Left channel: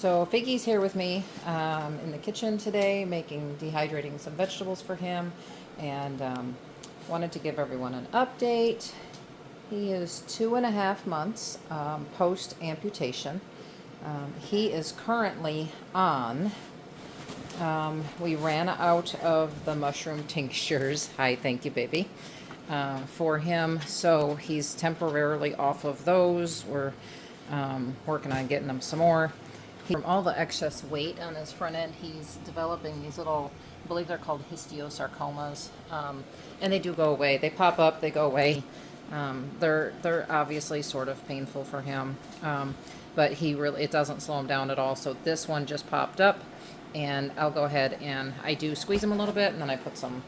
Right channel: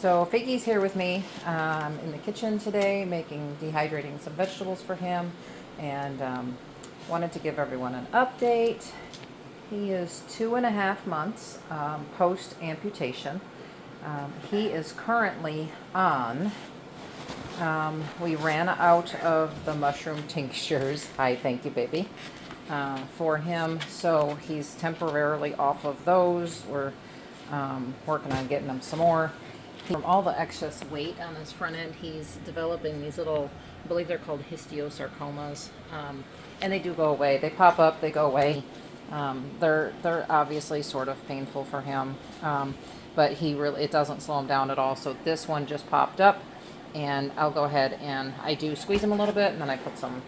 So Figgy's here with me in the kitchen today, dehydrating some vegetables for him, and wanted to give everyone an update. He is 2.5 months post amputation. He is currently on. We ran out of the mushroom tinctures. Hi, thank you, baby. For him, so he's temporarily off of those. We're working on getting him some more. From all the excess weight on his front end, he's developing these little, I believe they're called Osteosarcomas, and they do go away. They pop up, they go away. They're obviously sort of painful for him, but it doesn't slow him down at all. So this one just popped up, and I'll go ahead and I do squeeze him a little bit, and then I put some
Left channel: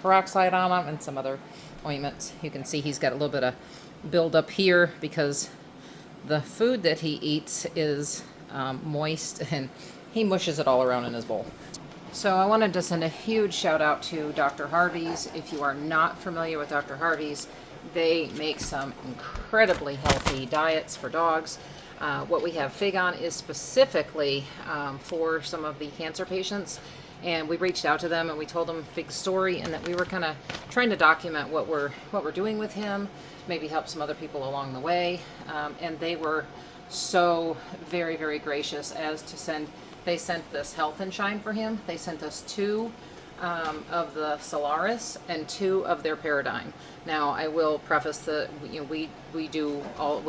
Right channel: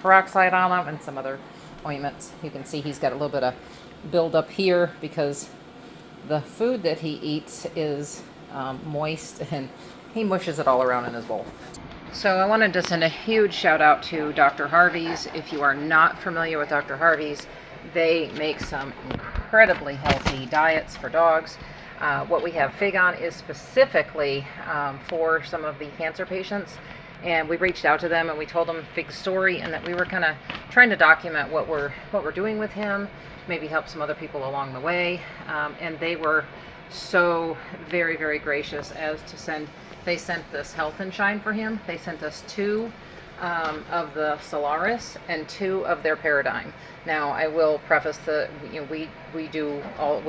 peroxide on him and some other ointments. You can see he's got a little bit of build up here because the food that he eats is moist, and he mushes it all around in his bowl. So I wanted to send a huge shout out to Dr. Harvey's. If you are not familiar with Dr. Harvey's, they make some incredibly healthy diets for dogs. What we have Fig on is specifically for some of the cancer patients, and we reached out to them and we told them Fig's story, and that we were kind of trying to document what we're doing with him, maybe help some other people along the way, and they were so very, very gracious as to they sent this Health and Shine for him. They sent us 2 of the Solaris and 2 of their Paradigm. Now I will preface that we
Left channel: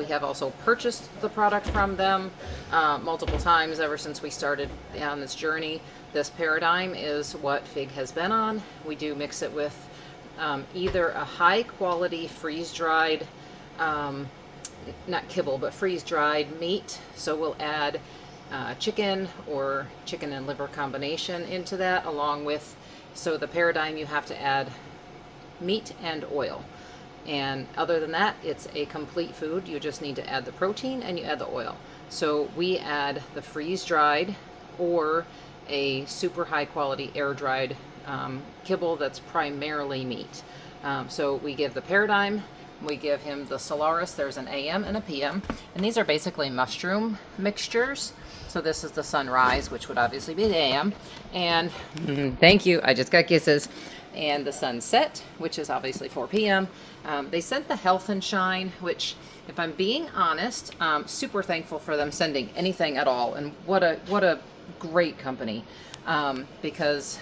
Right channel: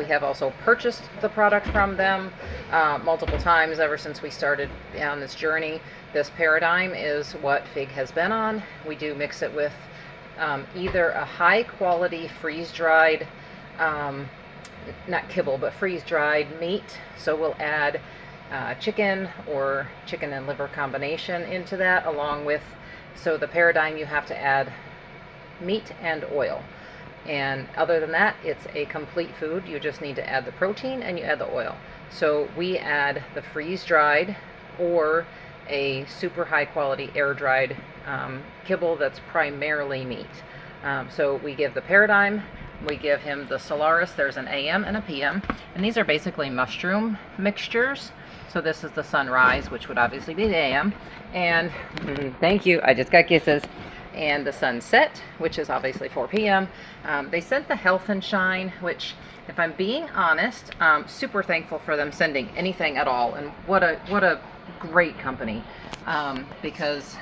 have also purchased the product from them multiple times ever since we started on this journey. This Paradigm is what Fig has been on. We do mix it with either a high quality freeze-dried, not kibble, but freeze-dried meat. So we'll add chicken or chicken and liver combination into that, along with, so the Paradigm, you have to add meat and oil. And other than that, it's a complete food. You just need to add the protein and you add the oil. So we add the freeze-dried or a super high quality air-dried kibble that's primarily meat. So we give the Paradigm, we give him the Solaris. There's an AM and a PM, and these are basically mushroom mixtures. So this is the Sunrise, which would obviously be the AM, and thank you, I just got kisses, and the Sunset, which is obviously 4 p.m. They sent the Health and Shine, which, if I'm being honest, super thankful for them sending anything at all, and what a great company, because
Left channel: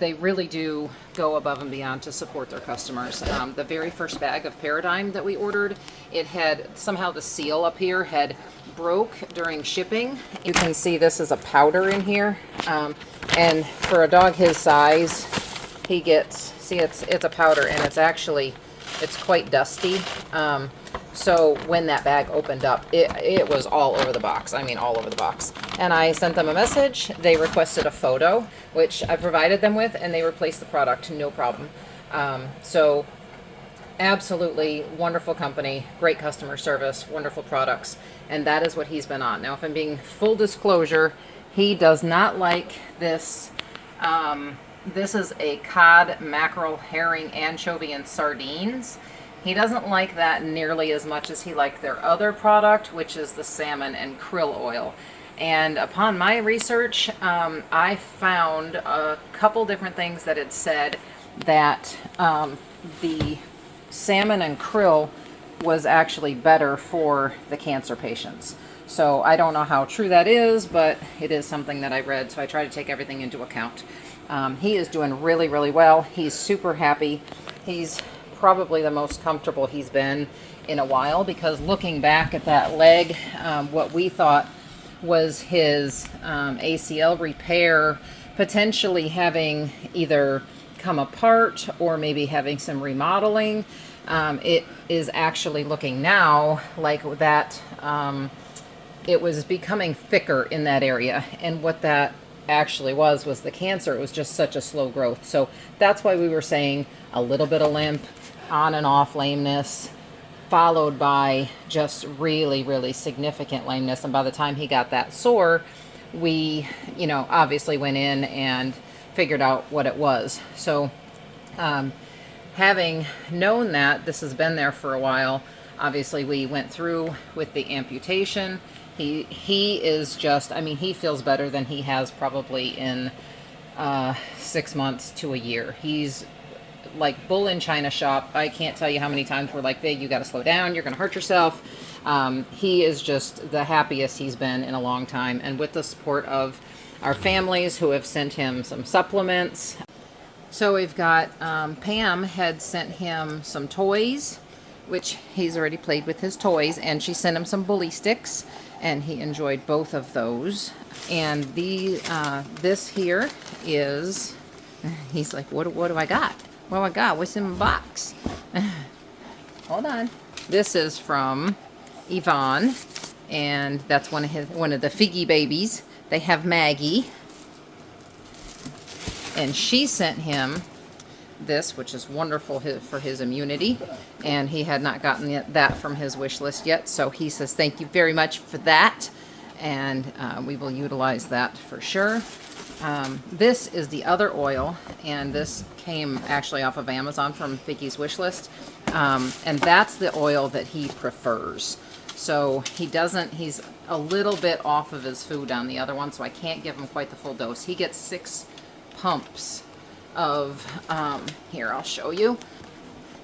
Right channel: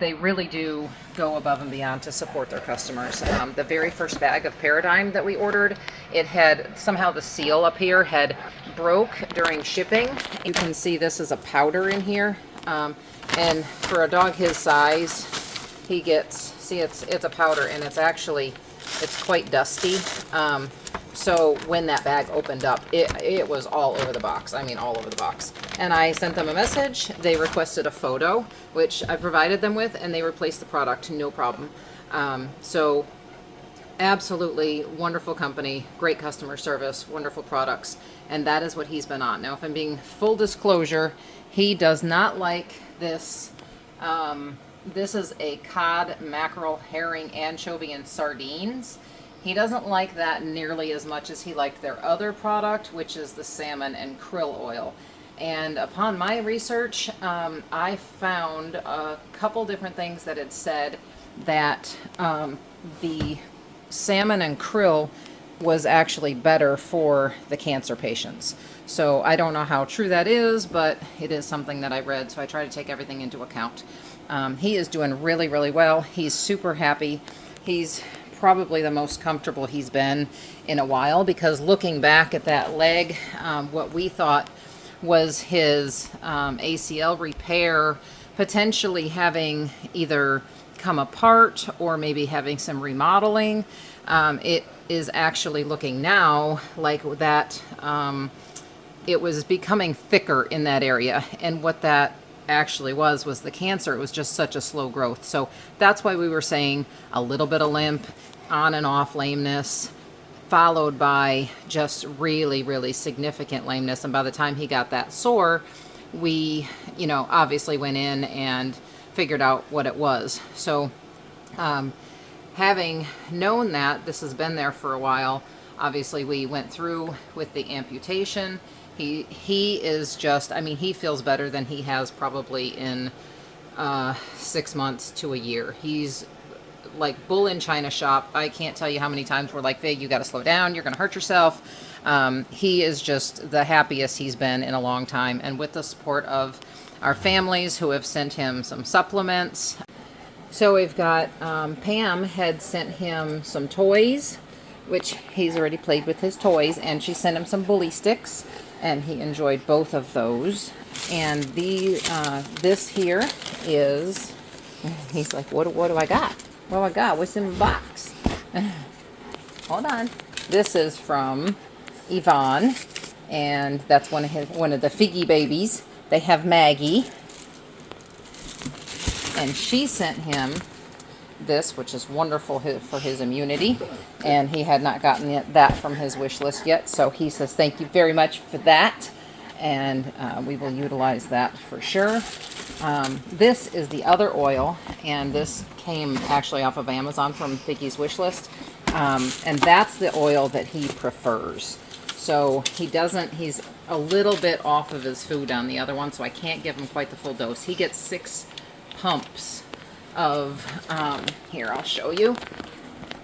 they really do go above and beyond to support their customers. The very first bag of Paradigm that we ordered, it had somehow the seal up here had broke during shipping. You can see this is a powder in here, and for a dog his size, he gets, see, it's a powder, and it's quite dusty. So when that bag opened up, it was all over the box. I mean, all over the box. And I sent them a message. They requested a photo, which I provided them with, and they replaced the product, no problem. So absolutely wonderful company, great customer service, wonderful products. And that is what he's been on. Now, if I'm being full disclosure, he does not like this. This is a cod, mackerel, herring, anchovy, and sardines. He doesn't like that nearly as much as he liked their other product, which is the salmon and krill oil. And upon my research, I found a couple different things that had said that the salmon and krill was actually better for the cancer patients. So I don't know how true that is, but it is something that I read, so I try to take everything into account. He is doing really, really well. He's super happy. He's probably the most comfortable he's been in a while, because looking back at that leg, what we thought was his ACL repair potentially having either come apart or maybe having some remodeling, it is actually looking now like that it was becoming thicker in that area, and what that actually was the cancer. It was just such a slow growth. So that's why we were saying a little bit of limp, on and off lameness, followed by just really, really significant lameness. And by the time he got that sore, we, obviously went in and figured out what it was. So having known that this has been there for a while, obviously we went through with the amputation, He is just, I mean, he feels better than he has probably in 6 months to a year. He's like bull in China shop. I can't tell you how many times we're like, Fig, you got to slow down. You're going to hurt yourself. He is just the happiest he's been in a long time. And with the support of our families who have sent him some supplements. So we've got Pam had sent him some toys, which he's already played with his toys, and she sent him some bully sticks, and he enjoyed both of those. And this here is, he's like, what do I got? What do I got? What's in my box? Hold on. This is from Yvonne, and that's one of the Figgy babies. They have Maggie, and she sent him this, which is wonderful for his immunity, and he had not gotten that from his wish list yet, so he says thank you very much for that, and we will utilize that for sure. This is the other oil, and this came actually off of Amazon from Figgy's wish list, and that's the oil that he prefers. So he's a little bit off of his food on the other one, so I can't give him quite the full dose. He gets 6 pumps of, here, I'll show you.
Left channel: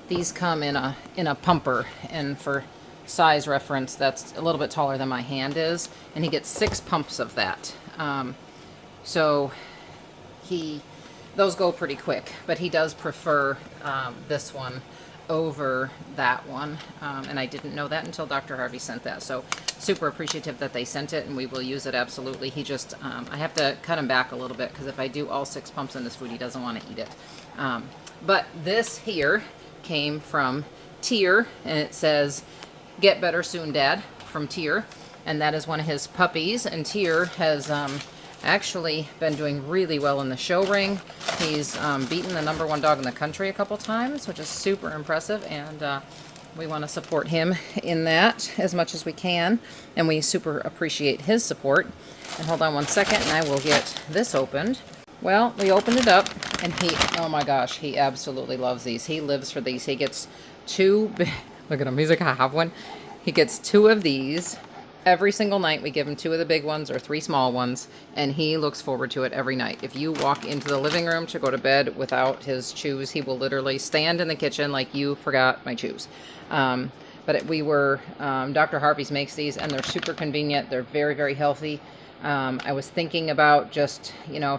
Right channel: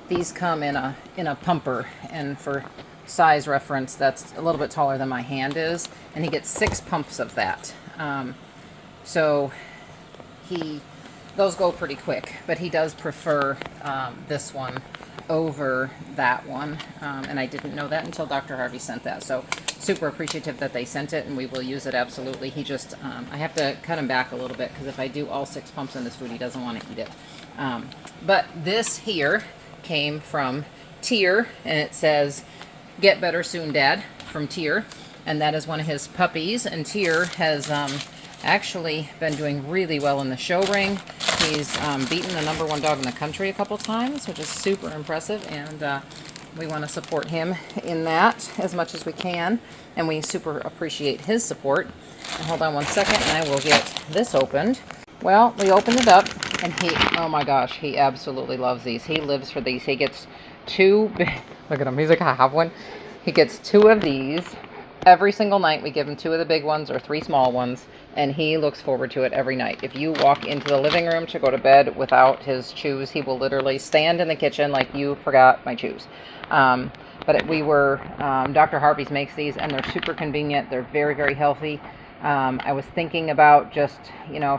These come in a pumper, and for size reference, that's a little bit taller than my hand is, and he gets 6 pumps of that. So those go pretty quick, but he does prefer this one over that one, and I didn't know that until Dr. Harvey sent that. So super appreciative that they sent it, and we will use it absolutely. He just, I have to cut him back a little bit, because if I do all 6 pumps in this food, he doesn't want to eat it. But this here came from Tyr, and it says, "Get better soon, Dad," from Tyr, and that is one of his puppies, and Tyr has actually been doing really well in the show ring. He's beaten the #1 dog in the country a couple times, which is super impressive, and we want to support him in that as much as we can, and we super appreciate his support. And hold on one second, and I will get this opened. Well, we opened it up, and oh my gosh, he absolutely loves these. He lives for these. He gets 2, look at him, he's like, I have one. He gets 2 of these every single night. We give him 2 of the big ones or 3 small ones, and he looks forward to it every night. If you walk into the living room to go to bed without his chews, he will literally stand in the kitchen like, you forgot my chews. But Dr. Harvey's makes these, and they're super convenient. They're very, very healthy. I was thinking about just,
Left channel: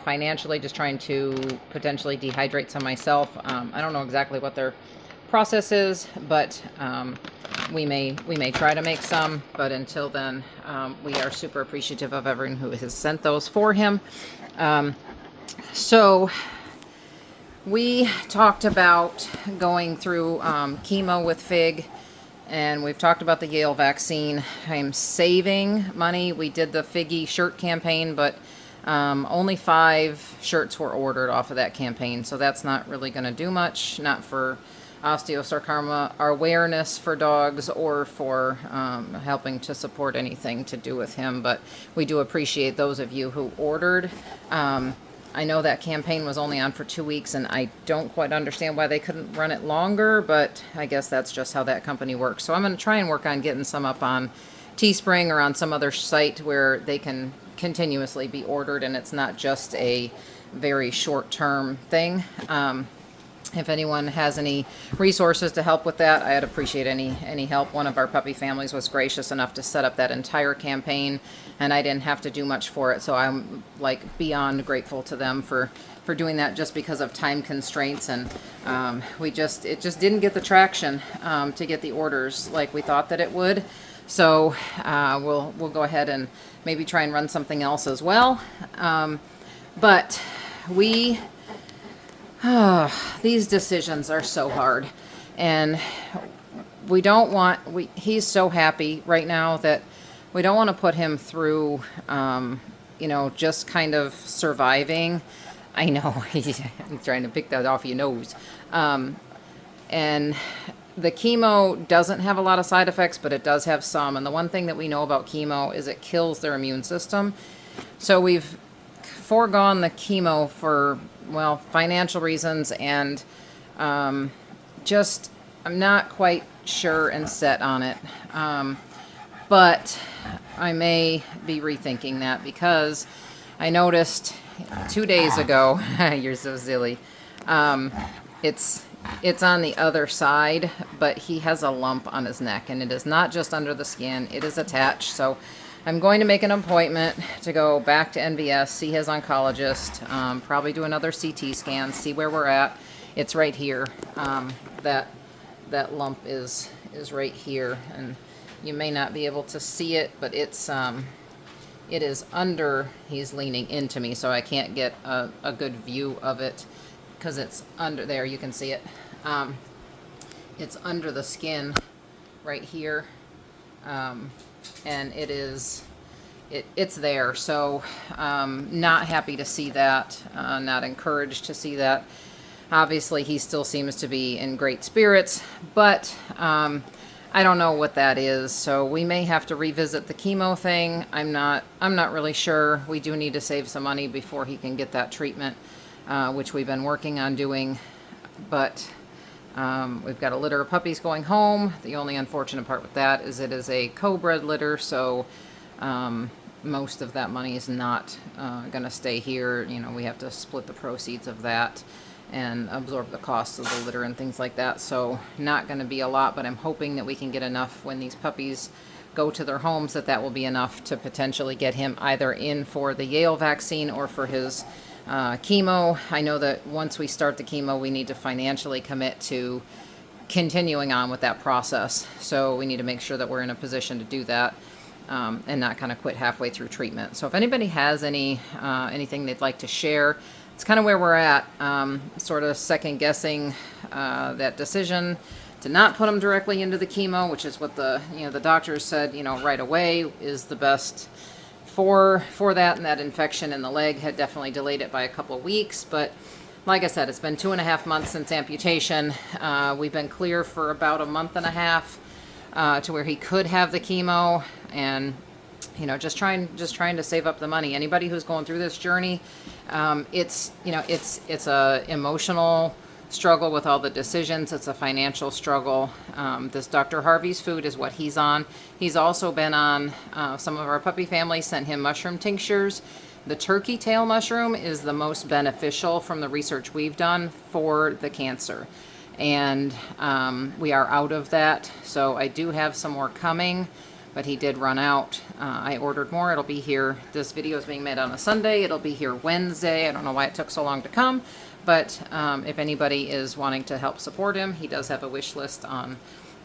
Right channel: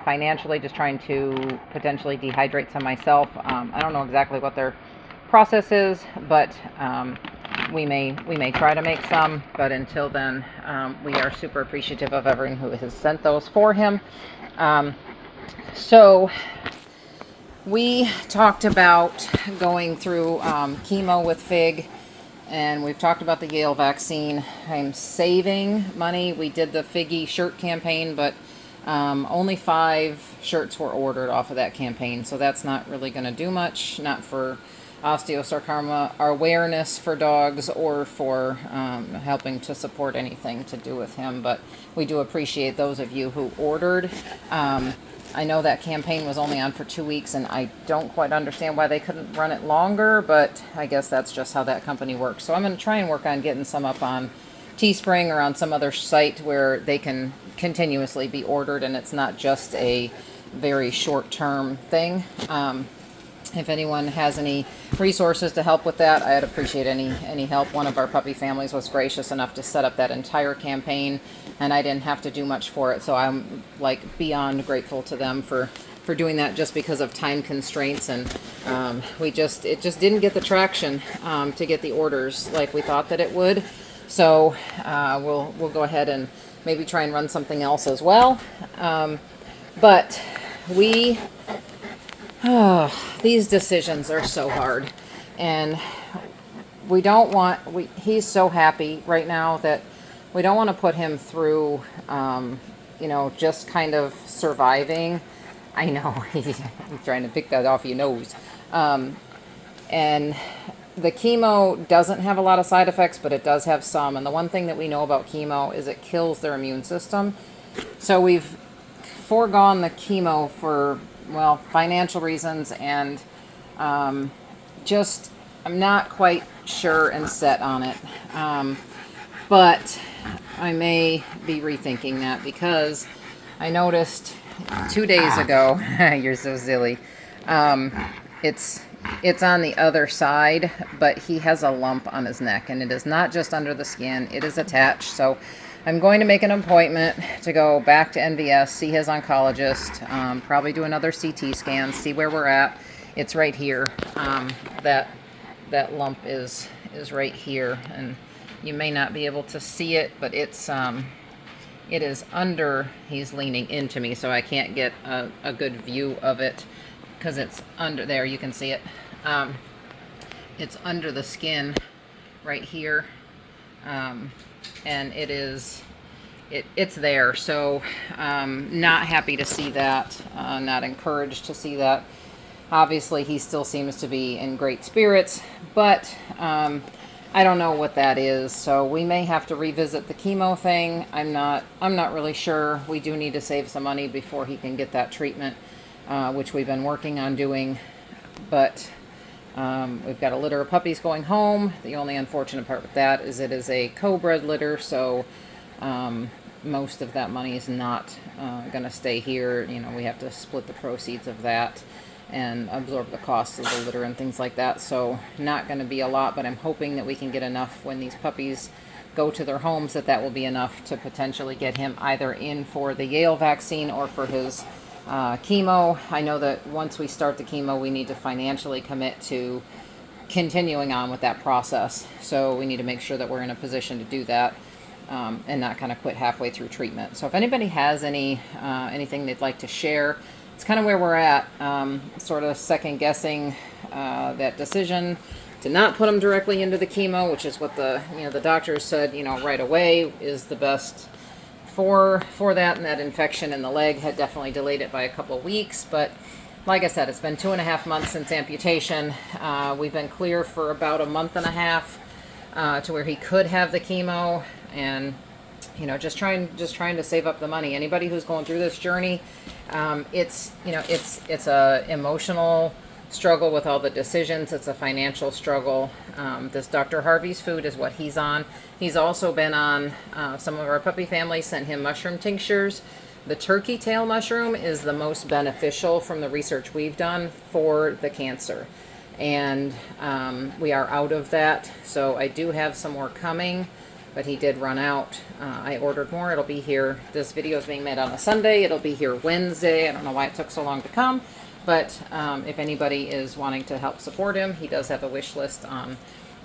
financially just trying to potentially dehydrate some myself. I don't know exactly what their process is, but we may try to make some, but until then, we are super appreciative of everyone who has sent those for him. So we talked about going through chemo with Fig, and we've talked about the Yale vaccine. I'm saving money. We did the Figgy shirt campaign, but only 5 shirts were ordered off of that campaign, so that's not really going to do much, not for osteosarcoma awareness for dogs, or for helping to support anything to do with him, but we do appreciate those of you who ordered. I know that campaign was only on for 2 weeks, and I don't quite understand why they couldn't run it longer, but I guess that's just how that company works. So I'm going to try and work on getting some up on Teespring or on some other site where they can continuously be ordered, and it's not just a very short-term thing. If anyone has any resources to help with that, I'd appreciate any help. One of our puppy families was gracious enough to set up that entire campaign, and I didn't have to do much for it, so I'm like beyond grateful to them for doing that, just because of time constraints, and it just didn't get the traction to get the orders like we thought that it would. So we'll go ahead and maybe try and run something else as well. But these decisions are so hard, and he's so happy right now that we don't want to put him through, just kind of surviving. I know, he's trying to pick that off your nose. And the chemo doesn't have a lot of side effects, but it does have some. And the one thing that we know about chemo is it kills their immune system. So we've foregone the chemo for, financial reasons, and I'm not quite sure and set on it. But I may be rethinking that because I noticed 2 days ago, you're so silly, it's on the other side, but he has a lump on his neck, and it is not just under the skin, it is attached. So I'm going to make an appointment to go back to NVS, see his oncologist, probably do another CT scan, see where we're at. It's right here. That lump is right here, and you may not be able to see it, but it is under. He's leaning into me, so I can't get a good view of it because it's under there. You can see it. It's under the skin right here, and it's there. So not happy to see that, not encouraged to see that. Obviously, he still seems to be in great spirits, but I don't know what that is. So we may have to revisit the chemo thing. I'm not really sure. We do need to save some money before he can get that treatment, which we've been working on doing. But we've got a litter of puppies going home. The only unfortunate part with that is it is a co-bred litter, so most of that money is not going to stay here. You know, we have to split the proceeds of that and absorb the costs of the litter and things like that. So not going to be a lot, but I'm hoping that we can get enough when these puppies go to their homes that will be enough to potentially get him either in for the Yale vaccine or for his chemo. I know that once we start the chemo, we need to financially commit to continuing on with that process. So we need to make sure that we're in a position to do that, and not kind of quit halfway through treatment. So if anybody has anything they'd like to share, it's kind of where we're at, sort of second guessing that decision to not put him directly into the chemo, which is what the doctors said, right away is the best for that, and that infection in the leg had definitely delayed it by a couple of weeks. But like I said, it's been 2.5 months since amputation. We've been clear for about a month and a half to where he could have the chemo, and just trying to save up the money. Anybody who's going through this journey, it's a emotional struggle with all the decisions. It's a financial struggle. This Dr. Harvey's food is what he's on. He's also been on, some of our puppy families sent him mushroom tinctures. The turkey tail mushroom is the most beneficial from the research we've done for the cancer. And we are out of that. So I do have some more coming, but he did run out. I ordered more. It'll be here. This video is being made on a Sunday. It'll be here Wednesday. I don't know why it took so long to come, but if anybody is wanting to help support him, he does have a wish list on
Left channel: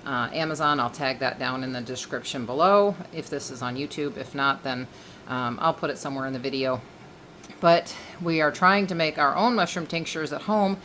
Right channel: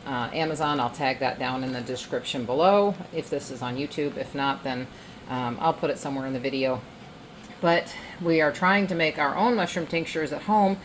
Amazon. I'll tag that down in the description below if this is on YouTube. If not, then I'll put it somewhere in the video. But we are trying to make our own mushroom tinctures at home